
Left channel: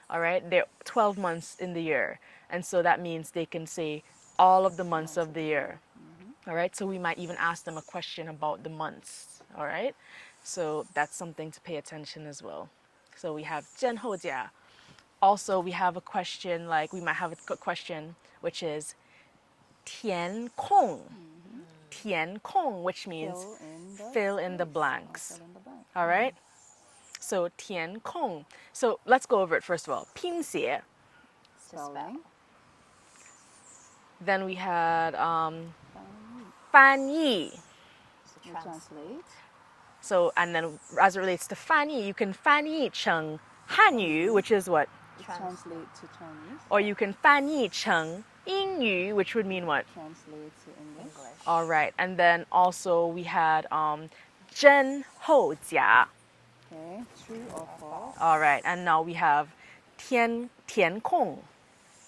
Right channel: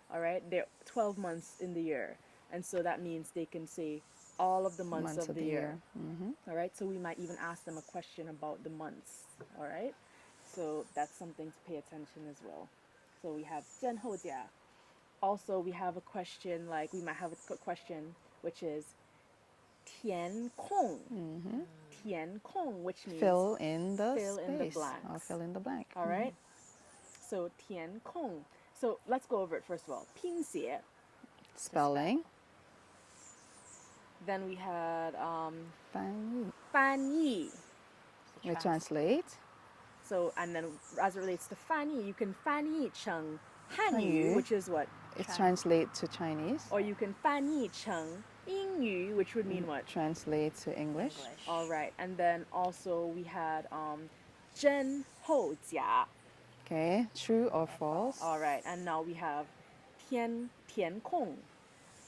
All right, they're 12 months in the year. And so that means they can say all of the months of the year. All right, so we might even ask them a question about the months. All right, so that's something to pay attention as well. So we have 真后假. Also, we have a question, like we might have a question, which is 填空. 填空, which means Fill in the fill in the space, or blanks. Fill in the blank. all right? So 填空. So let's go over it first of all. 拼写. Spelling. Then we had 翻译. 翻译. You translate. So, and then as it relates to 翻译, you can 翻译成汉语, which is what? It's translate to Chinese. Or you can 翻译成英语, which would mean what? Translate to English. All right. And then also we had 真后假. Okay, true or false? All right. And now we have 填空.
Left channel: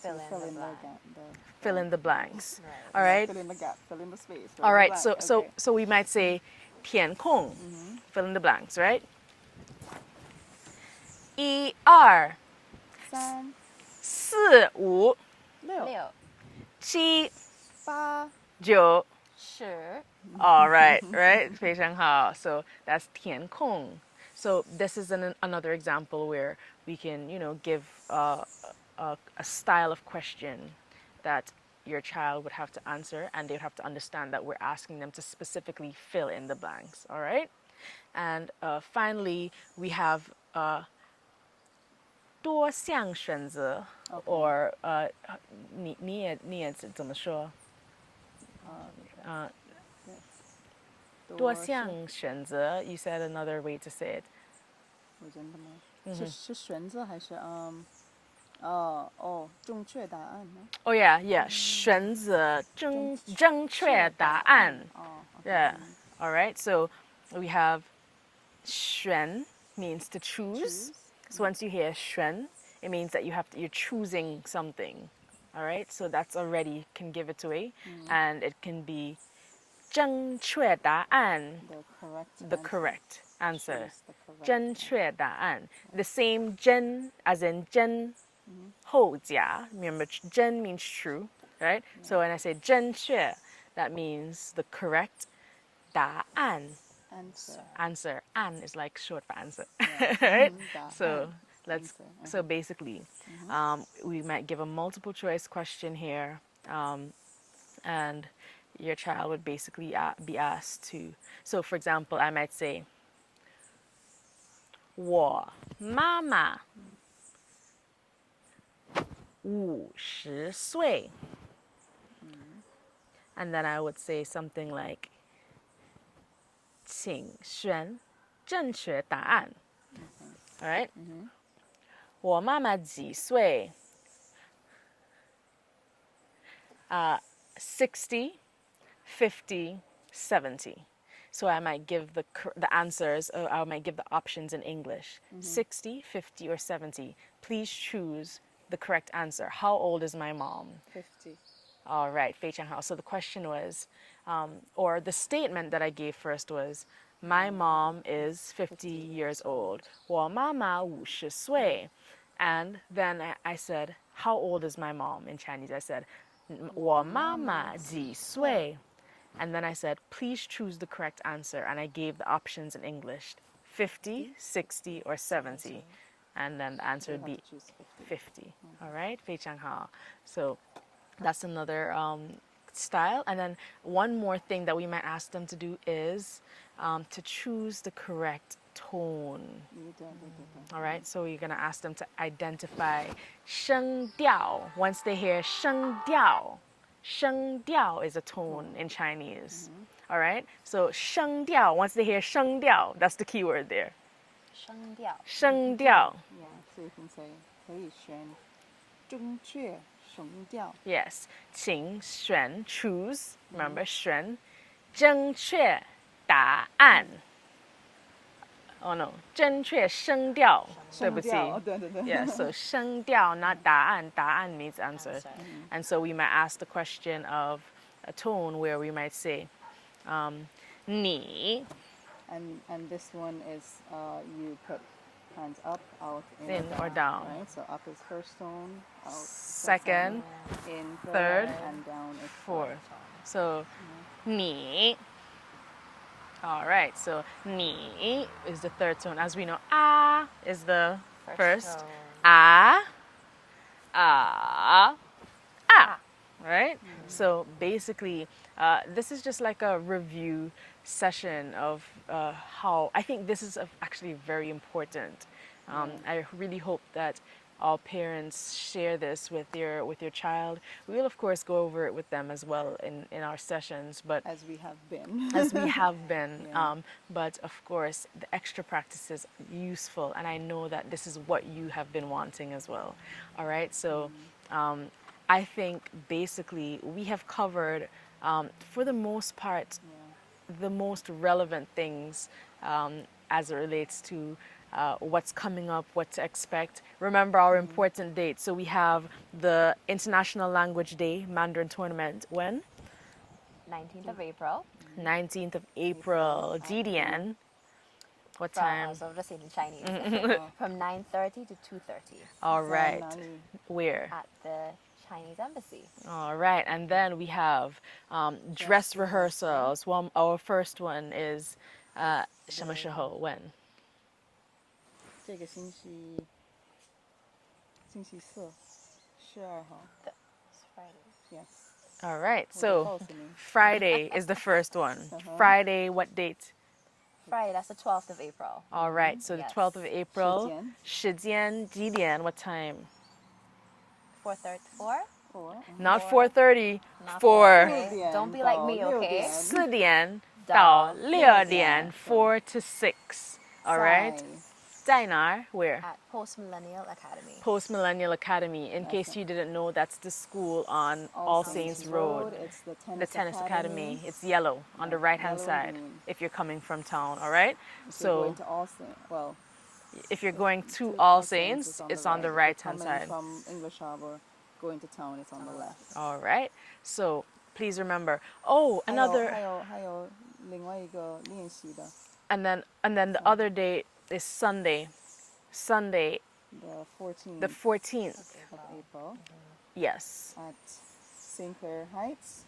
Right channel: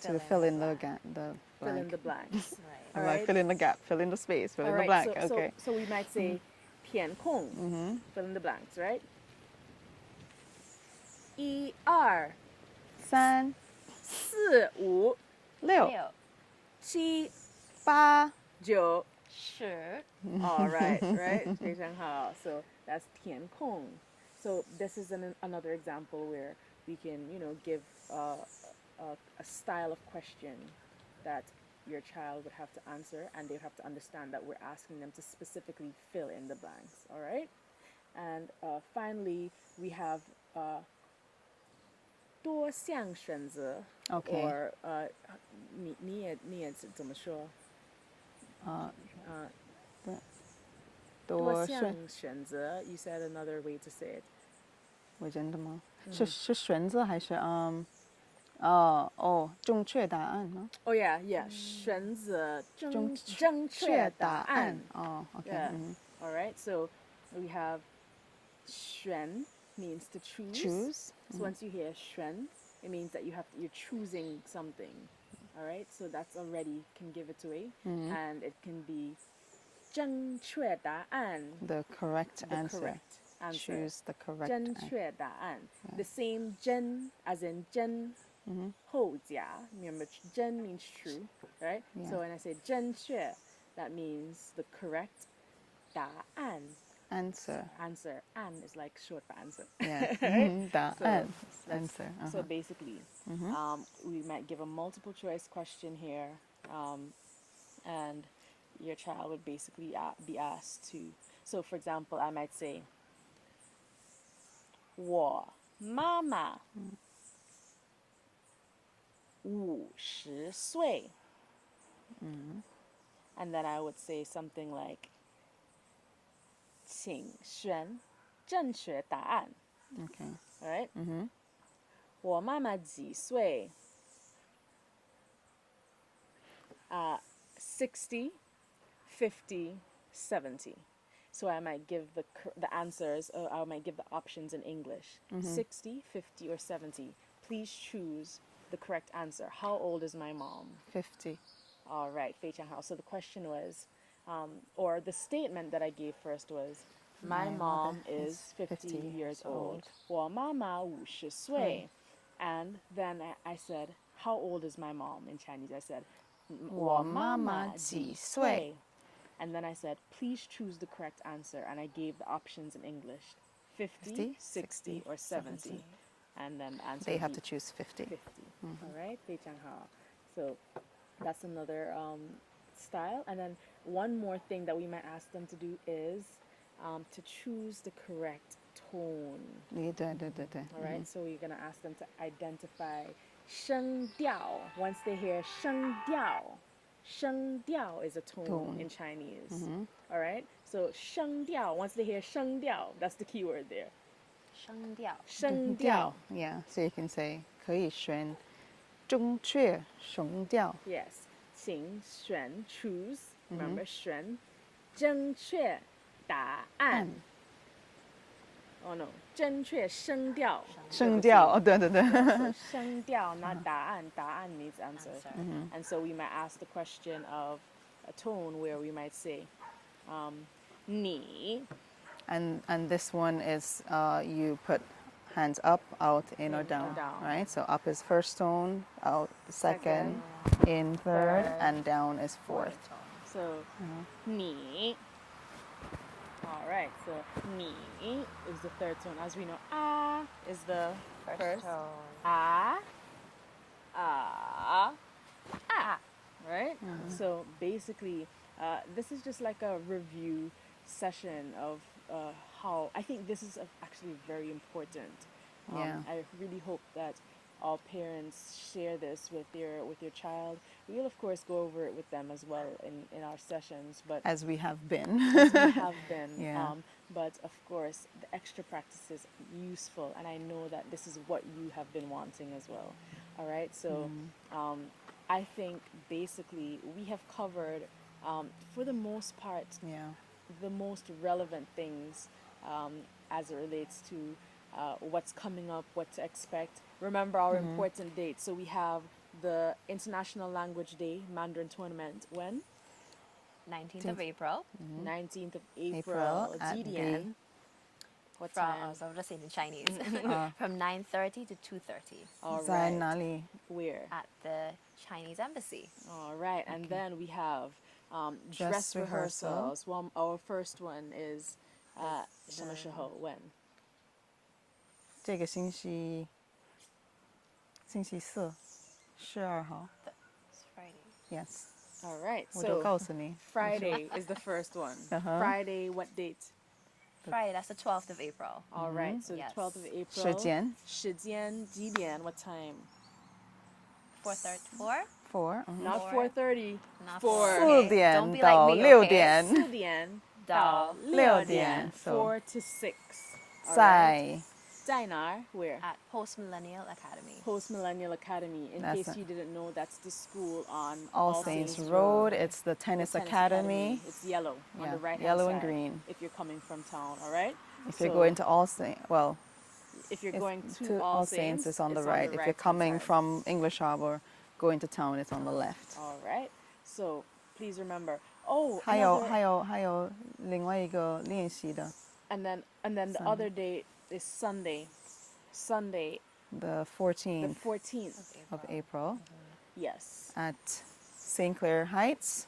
To fill in the gap. Fill in the blanks. Right. All right. Fill in the gap. Fill in the space. Fill All in the right. blank. So okay. so we might say 填空. Fill in the blanks, right? 一二三四五六六七八九. 十 All right, right? 非常好. So that's 填空. So this is another example where we can, give a style of question that your child would have to answer, and they would have to understand that we're asking them to specifically fill in the blanks. All right? And finally, we have 多项选择 Okay. or 你也怎么说？多项选择 you said another way to say it. 我真的吗？是选择还是正确答案吗？ Oh yeah, 选择正确答案. Oh, okay. Yeah. All right. So we have 选 means to choose. Choose. So once you hear 选, it means that you're choosing something. All right. So that's already can give it away, and it can be 正确答案. The correct The answer. correct answer. Choose the correct 正确答案. The same 真 as in 真后假. Remember, 真 means true, right? So when I say 正确, that means the correct 答案. answer. Answer. An is like short for answer. Yeah. Right? So 答案 let's. answer. So basically, we might give a multiple choice question here, and your child would basically be asked to. So, for example, I might say, 我妈妈50岁. And then I would say something like, 请选正确答案. Okay. All right? 我妈妈几岁? 60, 50, 70. So I might give the answers, or I might give the options in English. 60, 50, or 70. Please choose the correct answer. How old is my mom? 50. All right, 非常好. So the question was, or the statement that I gave first was, my mom is 50 years old. 我妈妈50岁. And then I said, how old is my mom in Chinese? I said, 我妈妈几岁? And then I said, please choose the correct answer. And I gave the options in English, 50, 60, or 70. And then the answer They would have be to choose 50. 50. All right, 非常好. So that's another style. And then one more thing that we might ask them to do is to choose the correct tone. 对。 All right, so you're going to ask them to identify 声调. Once they hear 声调, 声调 is a tone in Chinese. All right, so 声调, once they hear 声调, that's the key word there. 声调声调. Yeah, so you can say 可以选正确声调. Yes, 请选 choose. Remember 选正确答案. Oh no, 正确声调. 声调，对。 Yeah, so 声调, not 答案. 答案 means answer. And so we might ask the question of a tone where we might say, 你 And this one is you put hands up, out, in or down. Right? So up is first tone, out second, in third, and down is fourth. So 你. All right, so 你 is the third tone. As we know, is the first. tone. Right? So basically, this is just like a review session of how I think this is actually very important. I really hope that all parents share this with your child. We will of course go over it with them as well in our sessions, but As we have been. as we have been. Yeah. But of course, the extra practice is useful, and I know that this is what you have been wanting as well. All right, so I think basically we have covered, for the most part, Yeah. the most relevant things as it relates to what's coming up, what to expect. Remember our important dates. So we have the International Language Day Mandarin Tournament when? 19th of April 19th of April April. at GDN. What from, time? so I'll just say it in Chinese, from 9:30 to 2:30 All right. Zanali. Where? at the Chinese Embassy. All right. And then we have dress Dress rehearsal. rehearsals. One, our first one is 什么时候 when? 这个星期四12号 It's Friday. Yes. All right. 我都 So 告诉你 Friday is the first one. Uh-huh. Friday, what date? Friday, that's the 12th of April. All right. So Yes. the 12th of April. 时间时间几点 what time? 4:34. 4 Not Four. 4:30. Not 4. 4点 Don't be like me, 到 okay? 6点4点到到6点点 4 to 6. All right. 在在哪儿? Where? At Post Millennial Academy. Post Millennial Academy. In That's case it. you didn't know, that's the school on All Saints Road. It's the The tennis, tennis academy. It's yellow on the Yeah, right hand yellow and side. green. If you're coming from town, all right. If you're going to All Saints, well, if you're going to to All Saints, it's on it's the on right. the If right you're coming hand side. from English Harbor, going to town, it's on the left. All right. So please remember. Oh, 还有 another. 还有另外一个练习的 And then the other day is Sunday. Sunday, the 14th the 14th. of April Yes. at St. Clair Heights,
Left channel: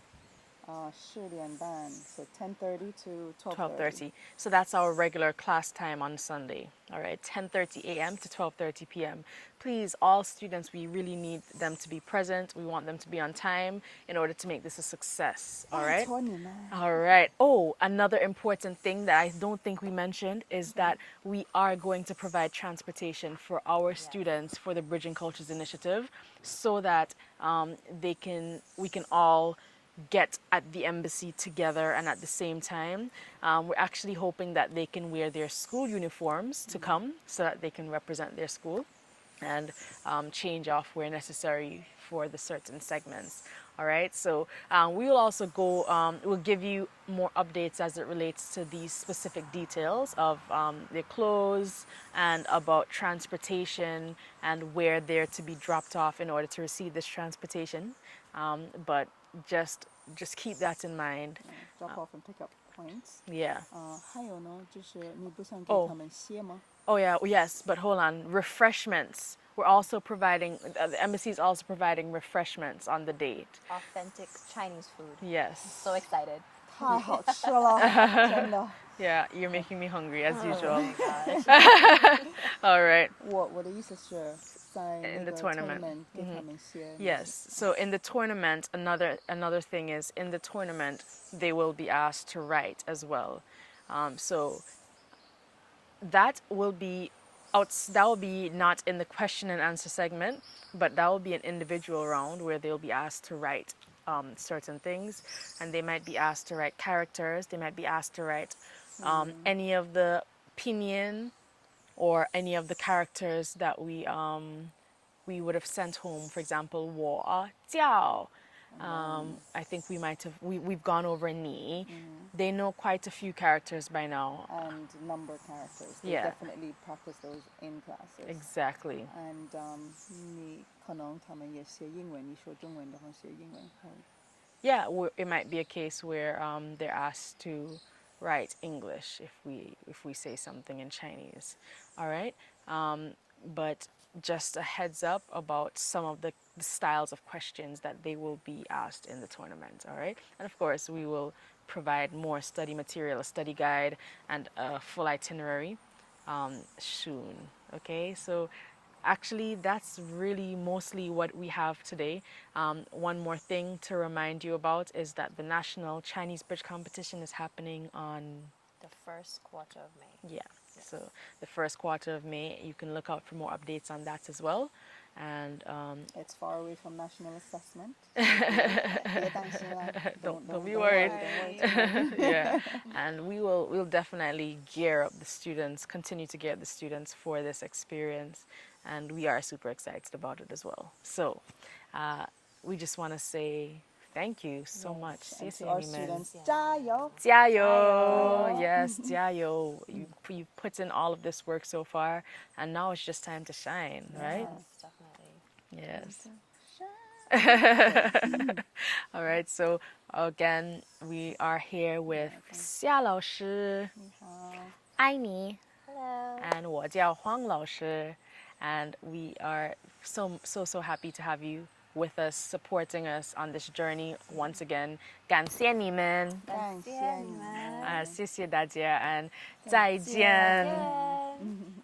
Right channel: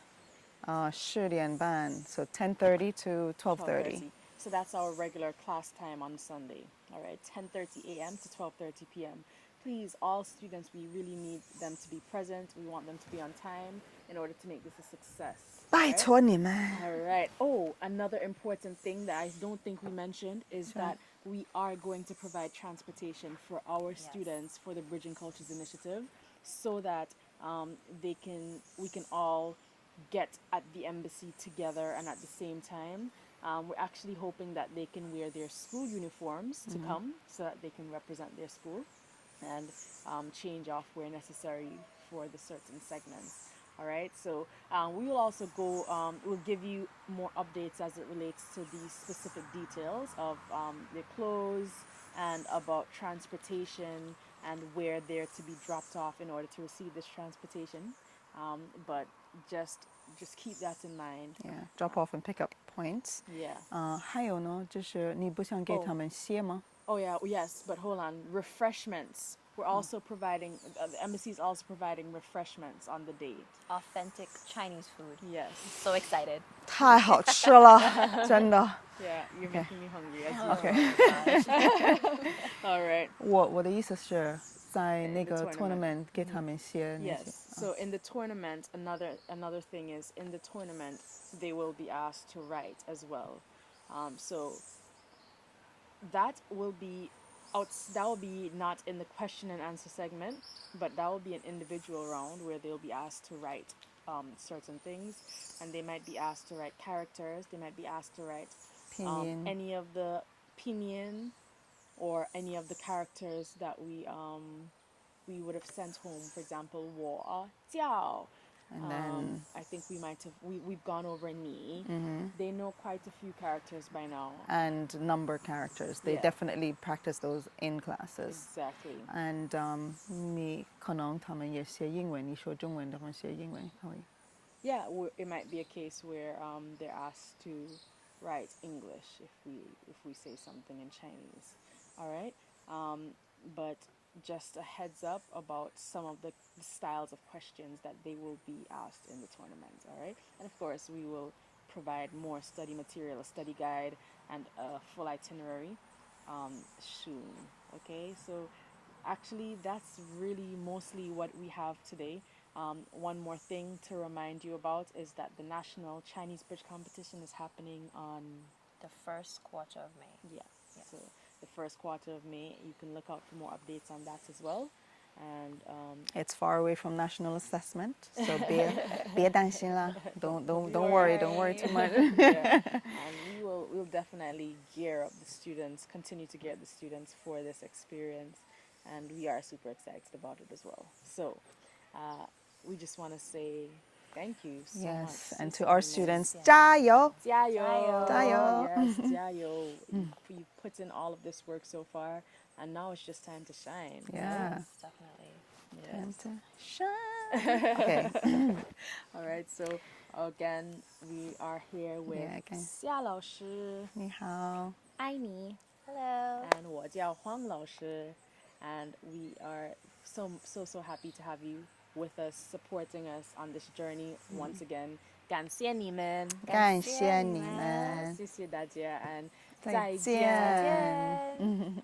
10点半, so 10:30 to 12:30. So that's our regular class time on Sunday. All right, 10:30 a.m. to 12:30 p.m. Please, all students, we really need them to be present. We want them to be on time in order to make this a success. All 拜 right? 托你们 All right. Oh, another important thing that I don't think we mentioned is that we are going to provide transportation for our students for the Bridging Cultures Initiative, so that we can all get at the embassy together and at the same time. We're actually hoping that they can wear their school uniforms to come, so that they can represent their school and change off where necessary for the certain segments. All right, so we will also go, we'll give you more updates as it relates to these specific details of their clothes and about transportation and where they're to be dropped off in order to receive this transportation. But just keep that in mind. Yeah, drop off and pick up points. Yeah. 还有呢，就是你不想给他们写吗？ Oh yeah, yes, but hold on. Refreshments. We're also providing, the embassy is also providing refreshments on the date. Authentic Chinese food. Yes. So excited. 太好吃了，真的。 Yeah, you're making me hungry as Oh usual. my gosh. All right. 我的意思是在那 In the 个 tournament. tournament 给他们写那些。 Yes. So in the tournament, another thing is in the tournament they will be asked to write as well. So that will be not in the question and answer segment, but that will be an individual round where they'll be asked to write certain things, and they might be asked to write characters. They might be asked to write Pinyin. any of the pinyin or any of the characters that we would have sent home. For example, 我叫. I think we've gone over ni. They know quite a few characters by now. And number characters. They Yeah. definitely practice those in classes. Exactly. And 你可能他们也写英文，你说中文的话写英文可以。 Yeah, it might be a case where they're asked to write English if we say something in Chinese. All right, but just a heads up about some of the styles of questions that they will be asked in the tournament. All right, and of course we will provide more study material, a study guide, and a full itinerary soon. Okay, so. Actually, that's really mostly what we have today. One more thing to remind you about is that the National Chinese Bridge Competition is happening on, The first quarter of May. yeah, so the first quarter of May. You can look out for more updates on that as well. And It's far away from national assessment, so 别担心啦. Don't be worry, worried. don't worry too much. yeah, and we'll definitely gear up the students, continue to gear up the students for this experience, and we are super excited about it as well. So, we just want to say thank you so Yes, much. and 谢 to 谢 our 你们。 students, Yeah. 加油! 加油! Jayo. Yes, 加油! You've put in all of this work so far, and now it's just time to shine, right? Yeah. Yes, definitely. Yes. Okay. All right, so again, we are here with Yeah, okay. 夏老师,你好. 爱你, Hello. and 我叫黄老师, and we are so happy to have you with us, supporting us on this journey once again. 感谢你们,感谢你们。谢谢大家, and 再见。再见.